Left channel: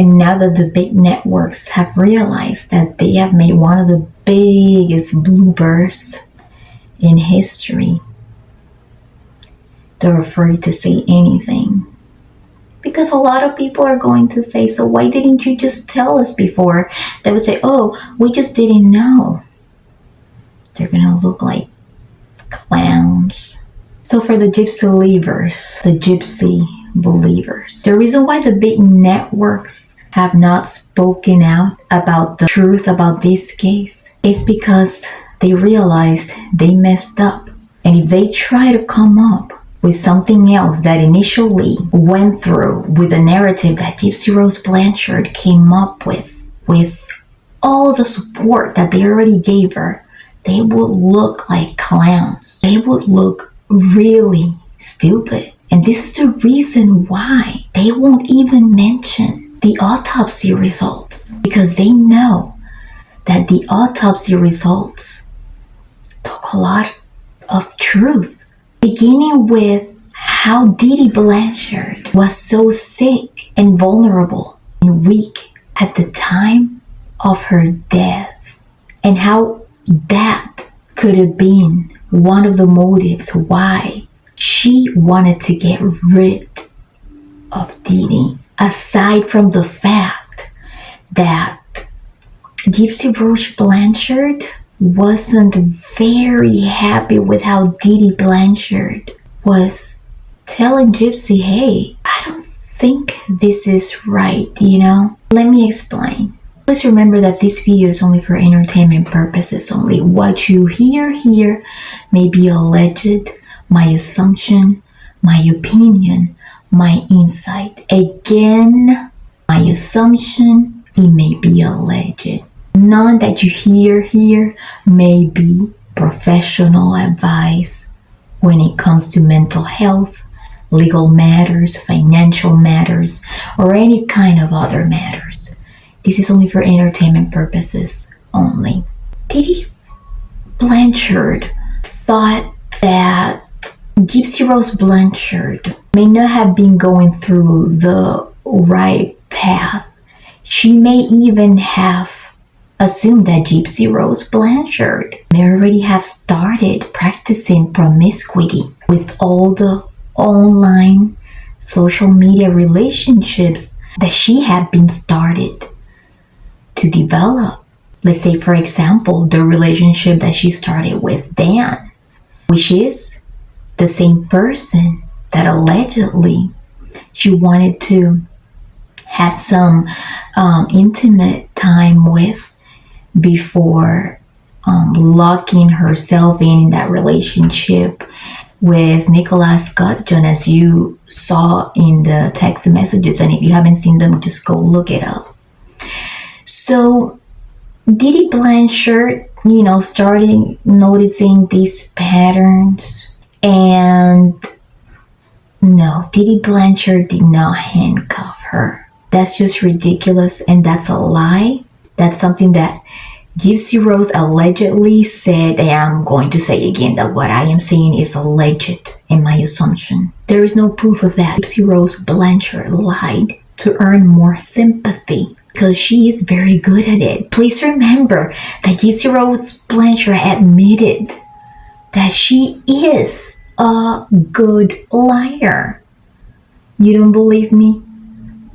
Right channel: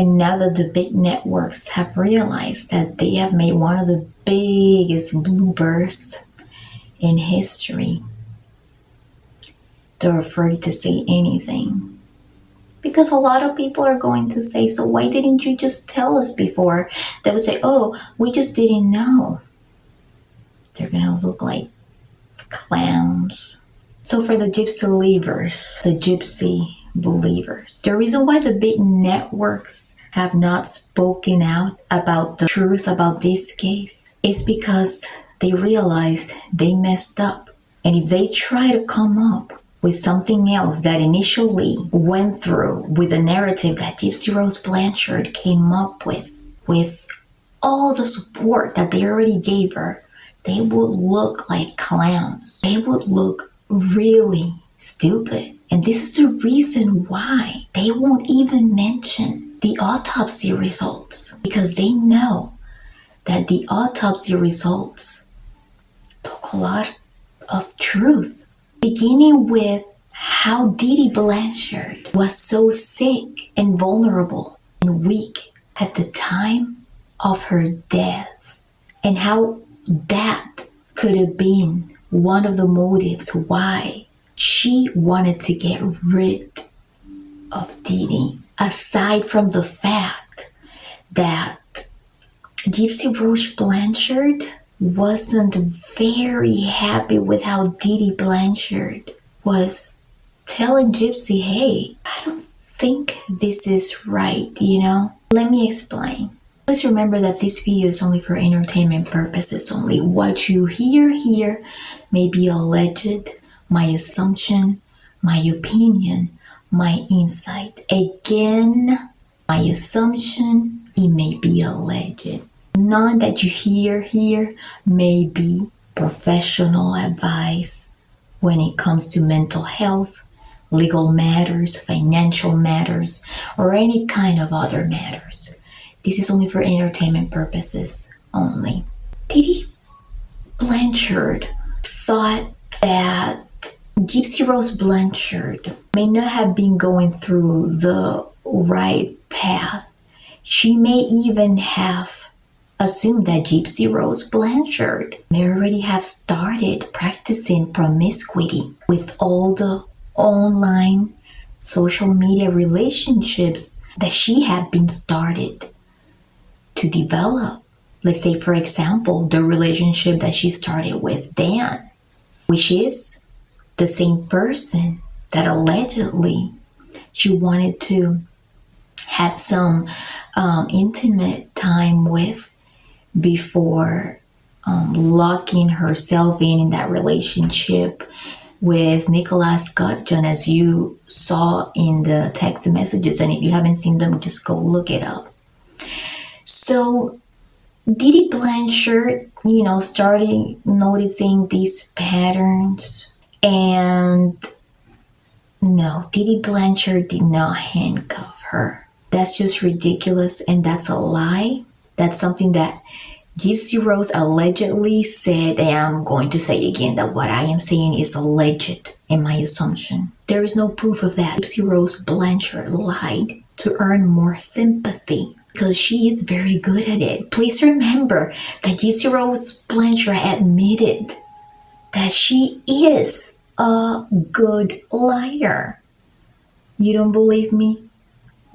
And now that the big networks have realized that they have made one of the biggest bloopers in history, they're afraid to say anything. Because a lot of people are going to say, so why didn't you just tell us before? They would say, oh, we just didn't know. They're going to look like clowns. So for the gypsy believers, the gypsy believers, the reason why the big networks have not spoken out about the truth about this case is because they realized they messed up. And if they try to come up with something else that initially went through with the narrative that Gypsy Rose Blanchard came up with all the support that they already gave her, they would look like clowns. They would look really stupid. And this is the reason why they won't even mention the autopsy results, because they know that the autopsy results took a lot of truth, beginning with how Dee Dee Blanchard was so sick and vulnerable and weak at the time of her death, and how that could have been one of the motives why she wanted to get rid of Dee Dee, aside from the fact that Gypsy Rose Blanchard wasn't very happy with how Dee Dee Blanchard was telling Gypsy, hey, I don't think this is right, Let me explain. Please remember that this video is only for entertainment purposes only. What you hear here may be alleged, my assumption, my opinion, my insight. Again, my assumption, it may be alleged. None that you hear here may be professional advice when it comes to mental health, legal matters, financial matters, or any kind of other matters. This is only for entertainment purposes only. Dee Dee Blanchard thought that Gypsy Rose Blanchard may not have been going through the right path. She may even have assumed that Gypsy Rose Blanchard may already have started practicing promiscuity with all the online social media relationships that she had been started to develop. Let's say, for example, the relationship that she started with Dan, which is the same person that allegedly she wanted to have some intimate time with before locking herself in that relationship with Nicholas Gudjon, as you saw in the text messages. And if you haven't seen them, just go look it up. So Dee Dee Blanchard, starting noticing these patterns. And no, Dee Dee Blanchard did not handcuff her. That's just ridiculous, and that's a lie. That's something that Gypsy Rose allegedly said, and I'm going to say again that what I am saying is alleged in my assumption. There is no proof of that. Gypsy Rose Blanchard lied to earn more sympathy because she is very good at it. Please remember that Gypsy Rose Blanchard admitted that she is a good liar. You don't believe me?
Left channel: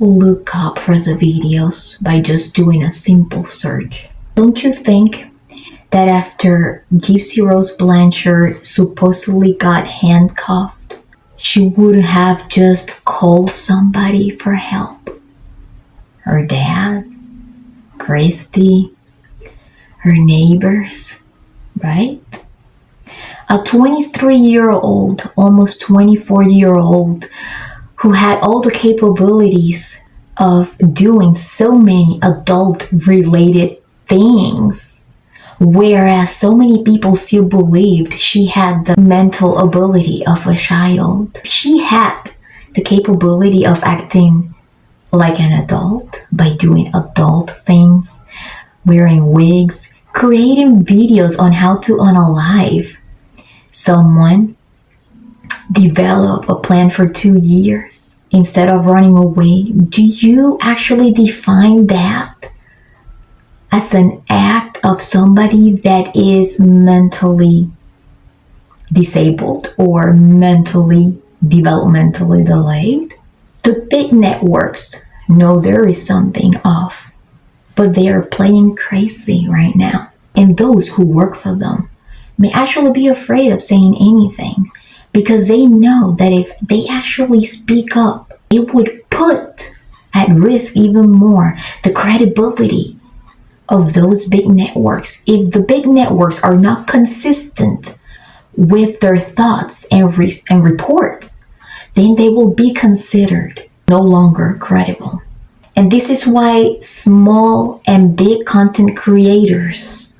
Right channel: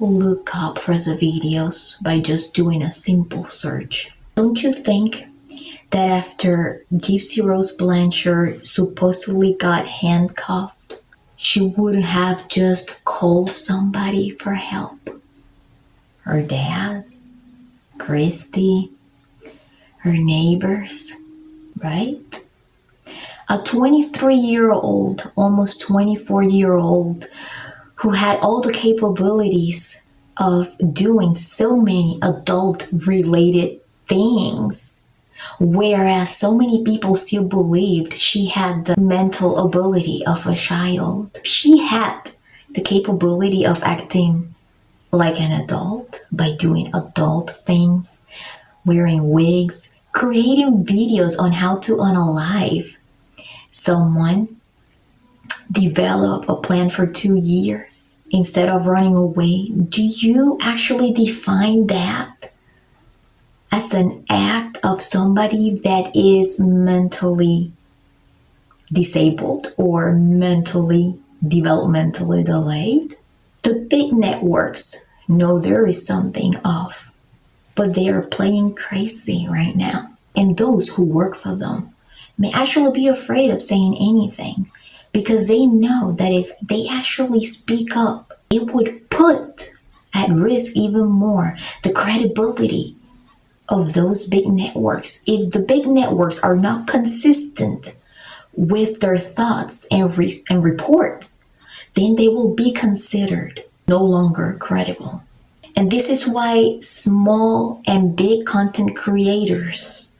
Look up for the videos by just doing a simple search. Don't you think that after Gypsy Rose Blanchard supposedly got handcuffed, she would have just called somebody for help? Her dad, Christy, her neighbors, right? A 23-year-old, almost 24-year-old, who had all the capabilities of doing so many adult-related things, whereas so many people still believed she had the mental ability of a child. She had the capability of acting like an adult by doing adult things, wearing wigs, creating videos on how to unalive someone, develop a plan for 2 years, instead of running away, do you actually define that as an act of somebody that is mentally disabled or mentally developmentally delayed? The big networks know there is something off, but they are playing crazy right now. And those who work for them may actually be afraid of saying anything because they know that if they actually speak up, it would put at risk even more the credibility of those big networks. If the big networks are not consistent with their thoughts and reports, then they will be considered no longer credible. And this is why small and big content creators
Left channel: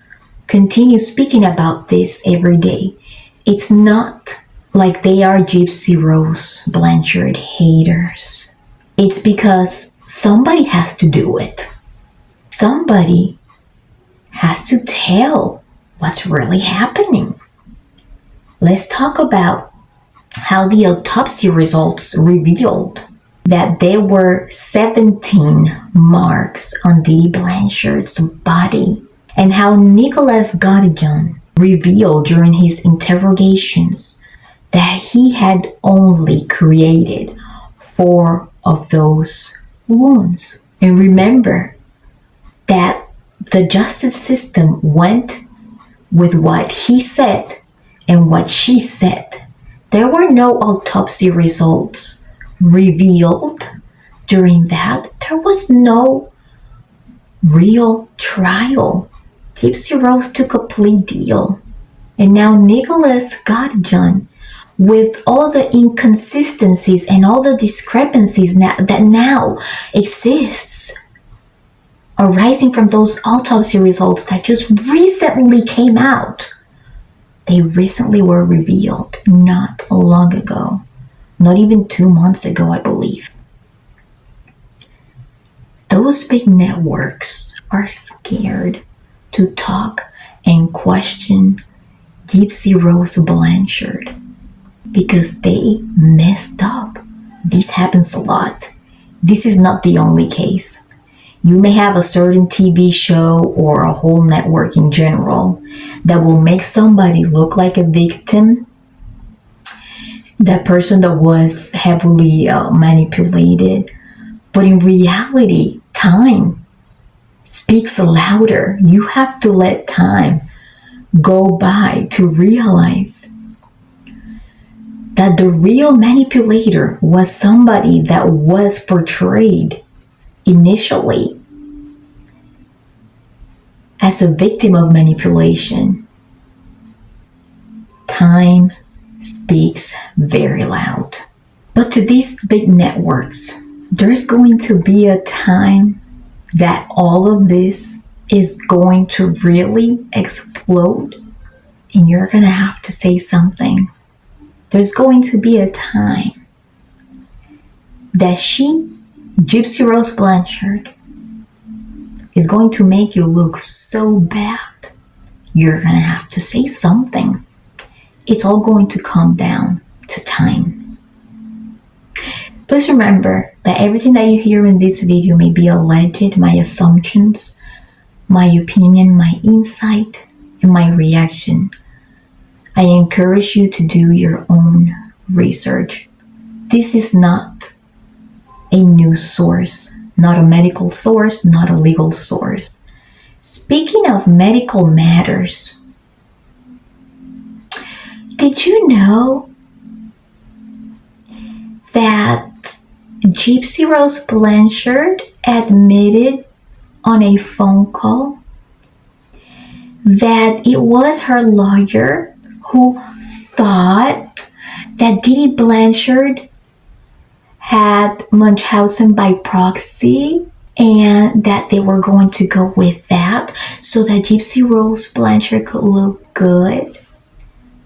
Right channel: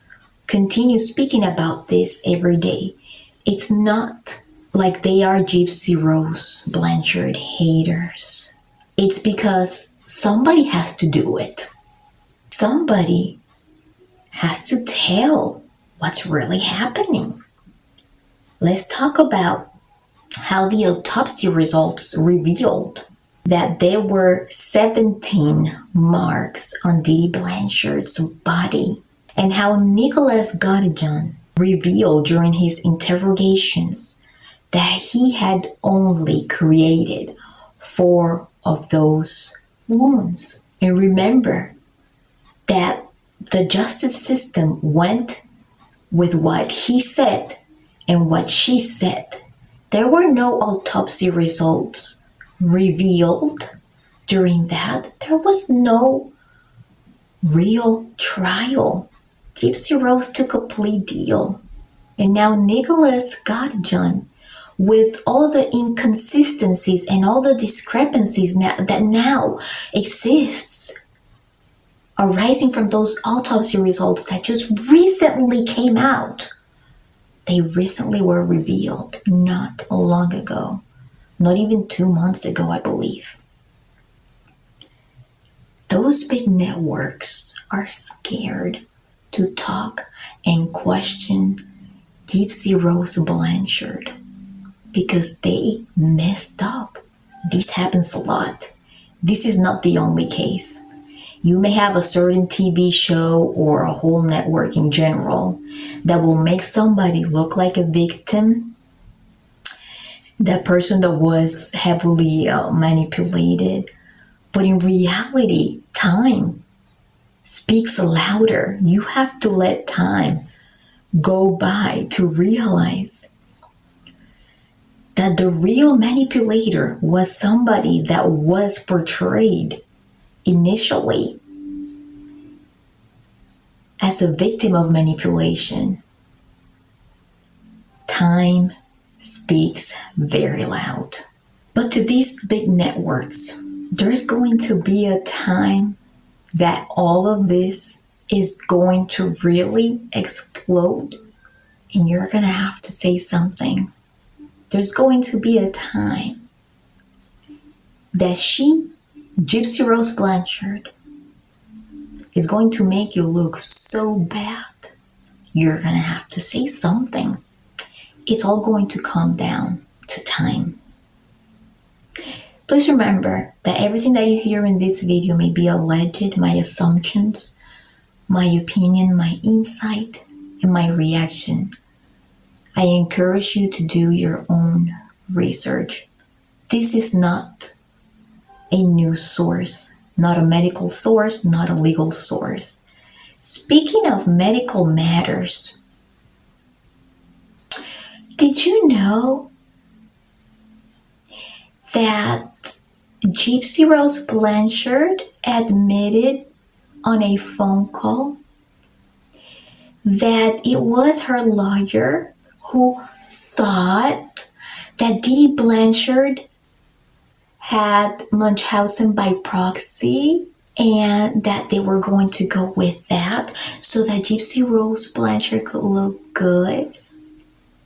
continue speaking about this every day. It's not like they are Gypsy Rose Blanchard haters. It's because somebody has to do it. Somebody has to tell what's really happening. Let's talk about how the autopsy results revealed that there were 17 marks on Dee Dee Blanchard's body, and how Nicholas Godijan revealed during his interrogations that he had only created 4 of those wounds. And remember that the justice system went with what he said and what she said. There were no autopsy results revealed during that. There was no real trial. Gypsy Rose took a plea deal. And now Nicholas Godijan, with all the inconsistencies and all the discrepancies that now exists, arising from those autopsy results that just recently came out. They recently were revealed not long ago, not even 2 months ago, I believe. Those big networks are scared to talk and question Gypsy Rose Blanchard because they messed up. This happens a lot. This is not the only case. You may have a certain TV show or a whole network in general that will make somebody look like a victim, that person that was heavily manipulated. But in reality, time speaks louder. You have to let time go by to realize that the real manipulator was somebody that was portrayed initially as a victim of manipulation. Time speaks very loud. But to these big networks, there's going to be a time that all of this is going to really explode, and you're going to have to say something. There's going to be a time that Gypsy Rose Blanchard, is going to make you look so bad. You're going to have to say something. It's all going to come down to time. Please remember that everything that you hear in this video may be alleged, my assumptions, my opinion, my insight, and my reaction. I encourage you to do your own research. This is not a news source, not a medical source, not a legal source. Speaking of medical matters, did you know that Gypsy Rose Blanchard admitted on a phone call that it was her lawyer who thought that Dee Dee Blanchard had Munchausen by proxy, and that they were going to go with that so that Gypsy Rose Blanchard could look good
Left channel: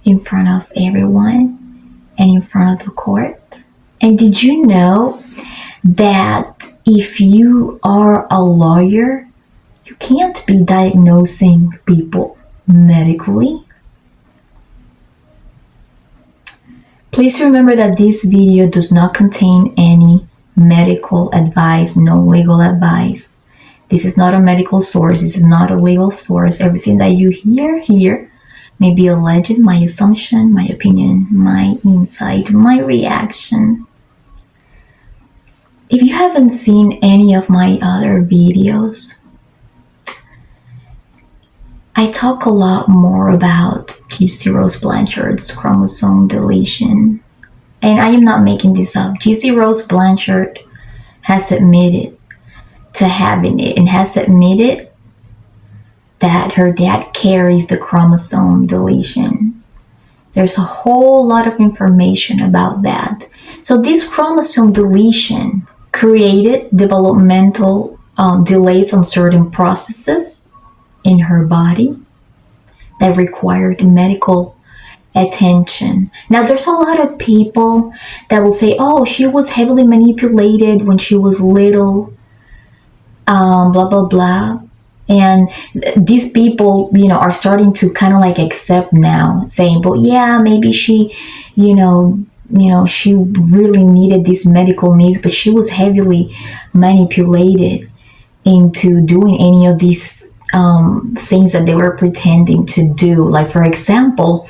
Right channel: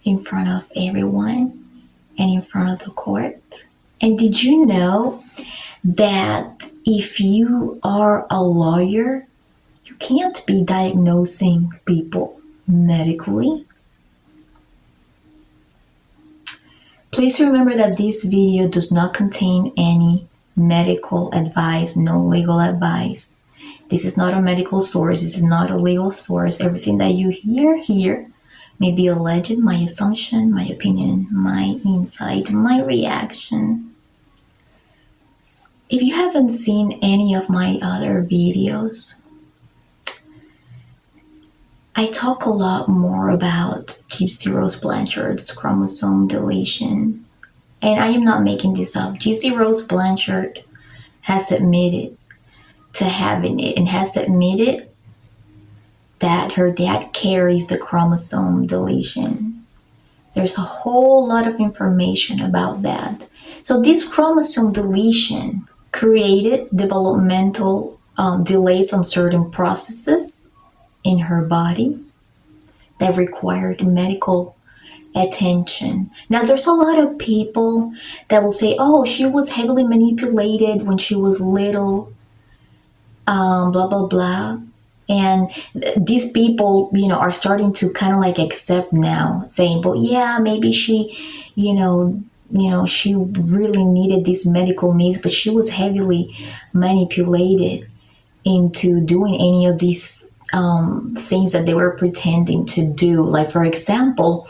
in front of everyone and in front of the court? And did you know that if you are a lawyer, you can't be diagnosing people medically? Please remember that this video does not contain any medical advice, no legal advice. This is not a medical source. This is not a legal source. Everything that you hear here may be alleged, my assumption, my opinion, my insight, my reaction. If you haven't seen any of my other videos, I talk a lot more about Gypsy Rose Blanchard's chromosome deletion. And I am not making this up. Gypsy Rose Blanchard has admitted to having it and has admitted that her dad carries the chromosome deletion. There's a whole lot of information about that. So this chromosome deletion created developmental delays on certain processes in her body that required medical attention. Now, there's a lot of people that will say, oh, she was heavily manipulated when she was little, blah, blah, blah. And these people, are starting to kind of like accept now, saying, well, yeah, maybe she, she really needed these medical needs, but she was heavily manipulated into doing any of these things that they were pretending to do. Like, for example,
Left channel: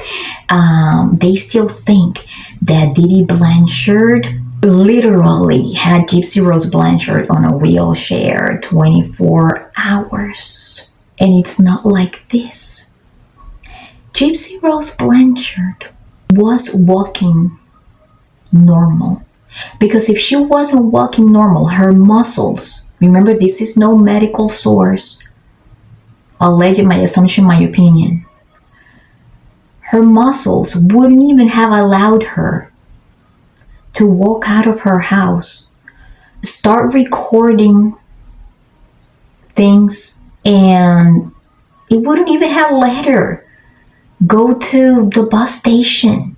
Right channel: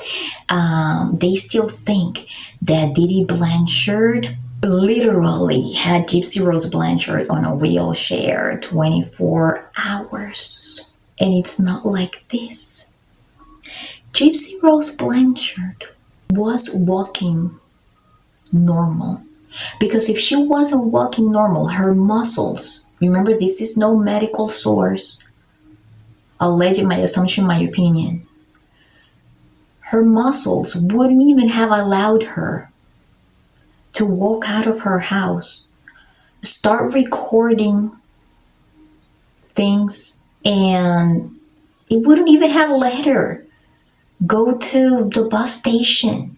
they still think that Dee Dee Blanchard literally had Gypsy Rose Blanchard on a wheelchair 24 hours. And it's not like this. Gypsy Rose Blanchard was walking normal. Because if she wasn't walking normal, her muscles, remember, this is no medical source, alleged, my assumption, my opinion, her muscles wouldn't even have allowed her to walk out of her house, start recording things, and it wouldn't even have let her go to the bus station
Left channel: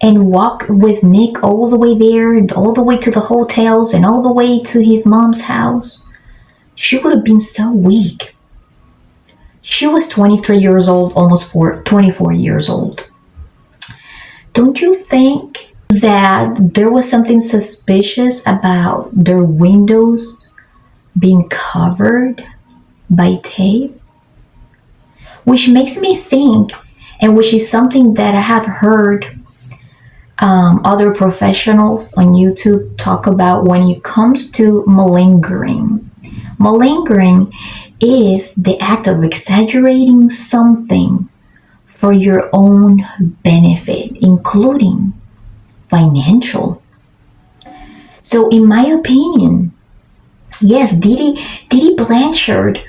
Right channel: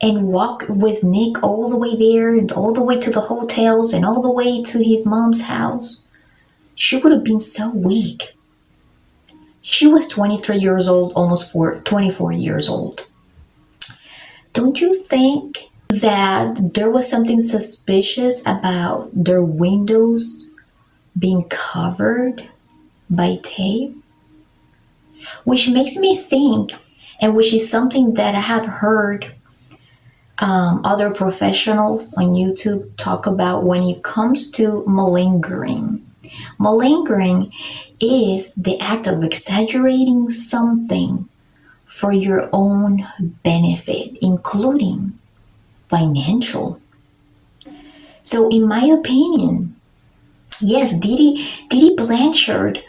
and walk with Nick all the way there, all the way to the hotels, and all the way to his mom's house. She would have been so weak. She was 23 years old, almost 24 years old. Don't you think that there was something suspicious about their windows being covered by tape? Which makes me think, and which is something that I have heard other professionals on YouTube talk about when it comes to malingering. Malingering is the act of exaggerating something for your own benefit, including financial. So in my opinion, yes, Dee Dee Blanchard,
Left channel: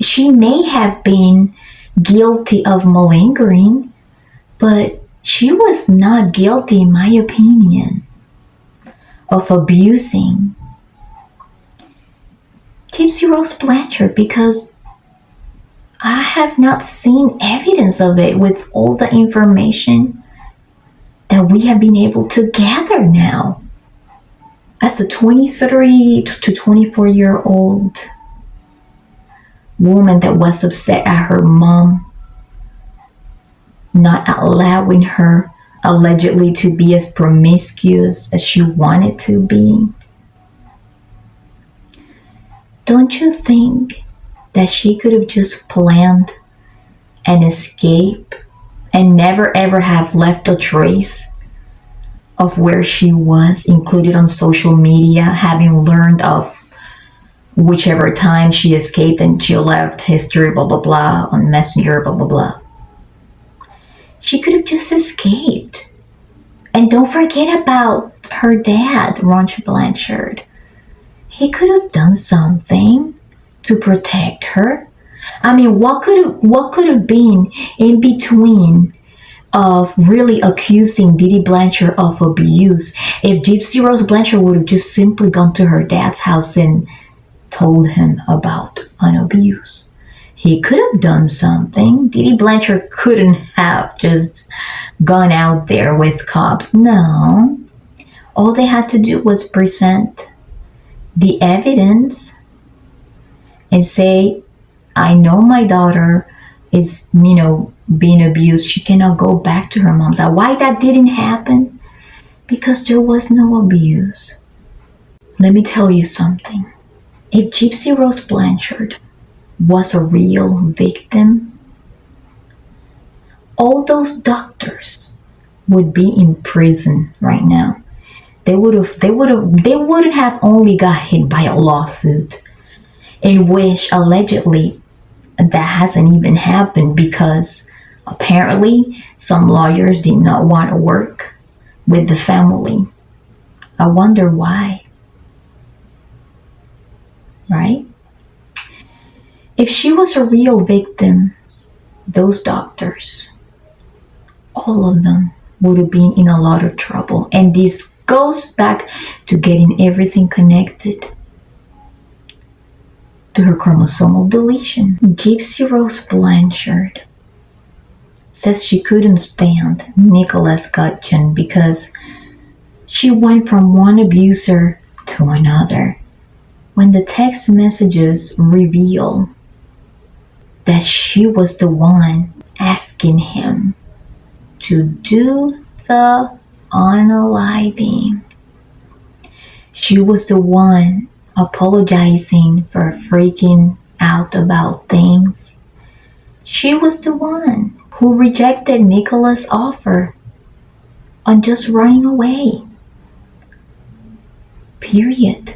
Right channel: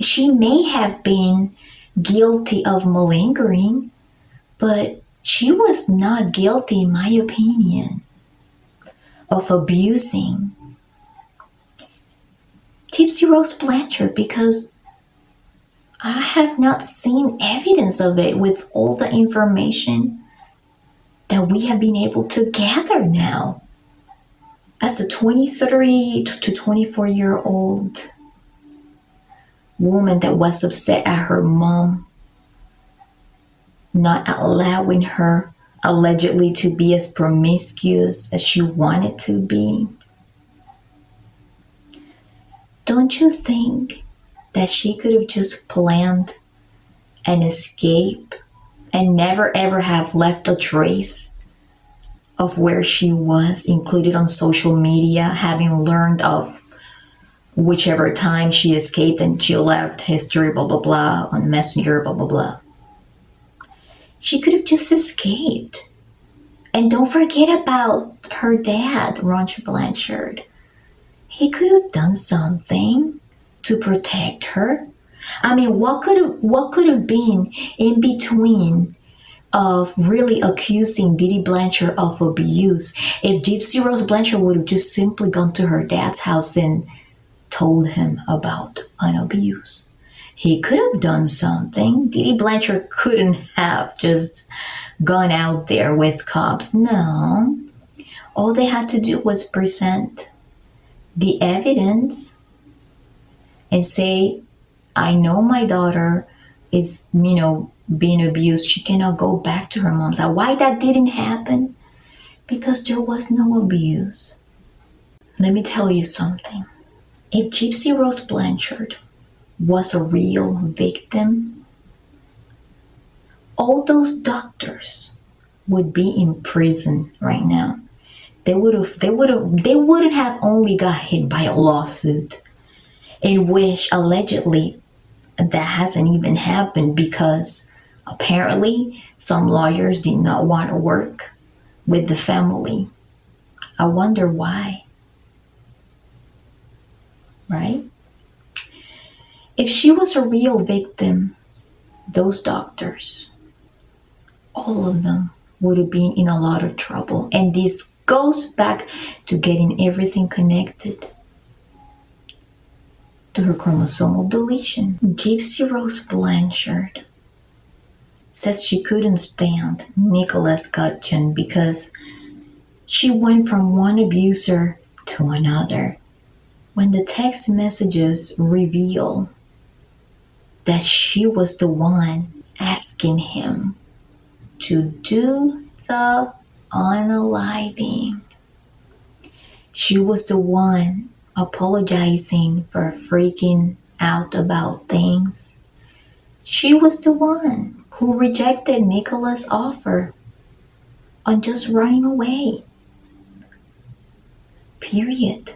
she may have been guilty of malingering, but she was not guilty, in my opinion, of abusing Gypsy Rose Blanchard, because I have not seen evidence of it with all the information that we have been able to gather now. As a 23 to 24-year-old woman that was upset at her mom not allowing her allegedly to be as promiscuous as she wanted to be. Don't you think that she could have just planned an escape and never ever have left a trace of where she was, included on social media, having learned of whichever time she escaped and she left history, blah, blah, blah, on Messenger, blah, blah, blah. She could have just escaped. And don't forget about her dad, Ron Blanchard. He could have done something to protect her. I mean, what could have been in between of really accusing Dee Dee Blanchard of abuse if Gypsy Rose Blanchard would have just simply gone to her dad's house and told him about an abuse? He could have done something. Dee Dee Blanchard couldn't have just gone out there with cops. No. All they had to do was present the evidence and say, I know my daughter is, being abused, she cannot go back to her mom's house. Why that didn't happen? Because there was no abuse. Let me tell you something. If Gypsy Rose Blanchard was a real victim, all those doctors would be in prison right now. They wouldn't have only got hit by a lawsuit in which allegedly that hasn't even happened because apparently some lawyers did not want to work with the family. I wonder why. Right? If she was a real victim, those doctors, all of them would have been in a lot of trouble. And this goes back to getting everything connected to her chromosomal deletion. Gypsy Rose Blanchard says she couldn't stand Nicholas Gudgeon because she went from one abuser to another. When the text messages reveal that she was the one asking him to do the unaliving. She was the one apologizing for freaking out about things. She was the one who rejected Nicholas' offer on just running away. Period.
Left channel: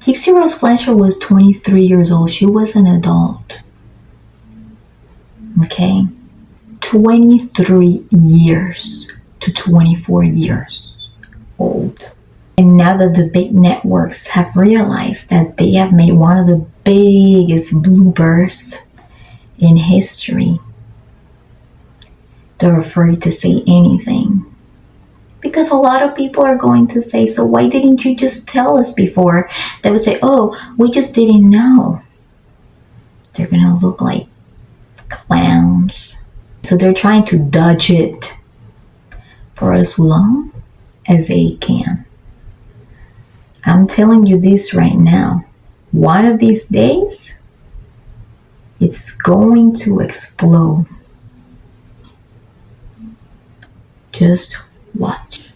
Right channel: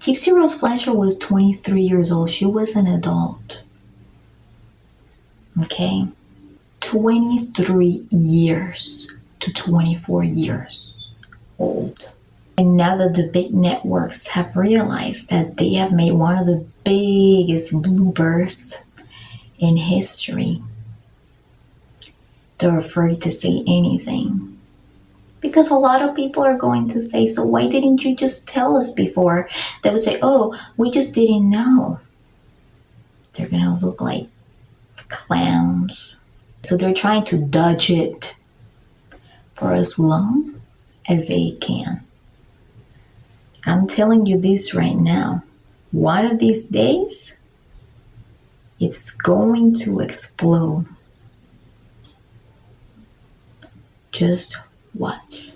Gypsy Rose Blanchard was 23 years old. She was an adult. Okay? 23 years to 24 years old. And now that the big networks have realized that they have made one of the biggest bloopers in history, they're afraid to say anything. Because a lot of people are going to say, so why didn't you just tell us before? They would say, oh, we just didn't know. They're going to look like clowns. So they're trying to dodge it for as long as they can. I'm telling you this right now. One of these days, it's going to explode. Just watch.